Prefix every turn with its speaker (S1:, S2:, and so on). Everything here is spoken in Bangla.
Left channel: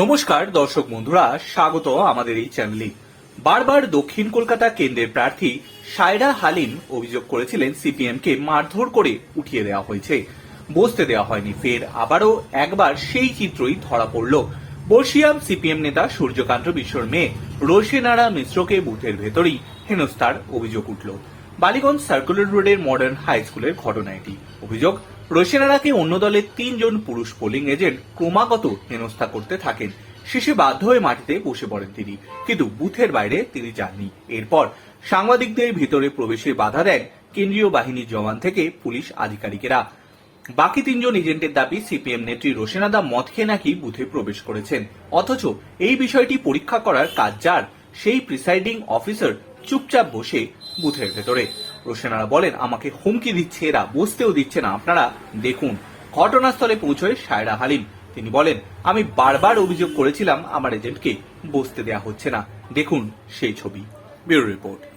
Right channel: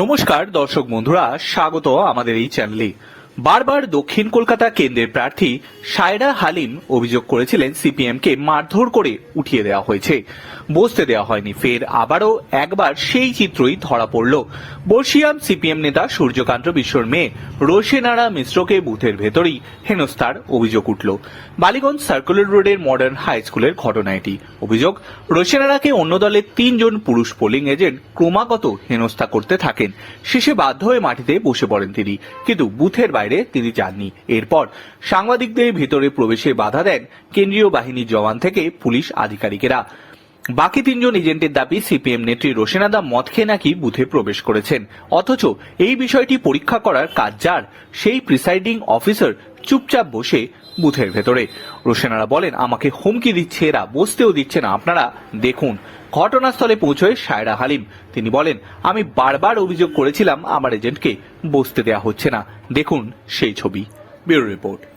S1: নমস্কার, দর্শক বন্ধুরা, স্বাগত আমাদের এই চ্যানেলে। বারবার দক্ষিণ কলকাতা কেন্দ্রের প্রার্থী সায়রা হালিম অভিযোগ করেছিলেন সিপিএম কে মারধর করে উঠিয়ে দেওয়া হয়েছে। বসতে দেওয়া হয়নি। ফের আবারও একবার সেই চিত্রই ধরা পড়ল। বর্ষিয়াম সিপিএম নেতা সূর্যকান্ত বিশ্বর মেয়ে রোশেনারা মিশ্রকে বুথের ভেতরেই হেনস্থার অভিযোগ উঠল। বালিগঞ্জ সার্কুলার রোডের মডার্ন হাই স্কুলের ঘটনা এটি। অভিযোগ, রোশেনারাকে অন্য দলের তিনজন পুরুষ পোলিং এজেন্ট ক্রমাগত হেনস্থা করতে থাকেন। শেষে বাধ্য হয়ে মাটিতে বসে পড়েন তিনি। কিন্তু বুথের বাইরে তিনি যাননি এরপর সাংবাদিকদের ভিতরে প্রবেশে বাধা দেন কেন্দ্রীয় বাহিনীর জওয়ান থেকে পুলিশ আধিকারিকেরা। বাকি তিনজন এজেন্টের দাবি সিপিএম নেত্রী রোশেনাদা মদ খেয়ে নাকি বুথে প্রবেশ করেছেন। অথচ এই বিষয়টি পরীক্ষা করার কাজ যার, সেই প্রিসাইডিং অফিসার চুপচাপ বসে বুথের ভেতরে। রোশেনারা বলেন, আমাকে হুমকি দিচ্ছে এরা, বসতেও দিচ্ছে না। আপনারা দেখুন, ঘটনাস্থলে পৌঁছয় সায়রা হালিম। তিনি বলেন, আমি বারবার অভিযোগ করেছিলাম, আমার এজেন্টকে বসতে দেওয়া হচ্ছে না। দেখুন সেই ছবি। Bureau report.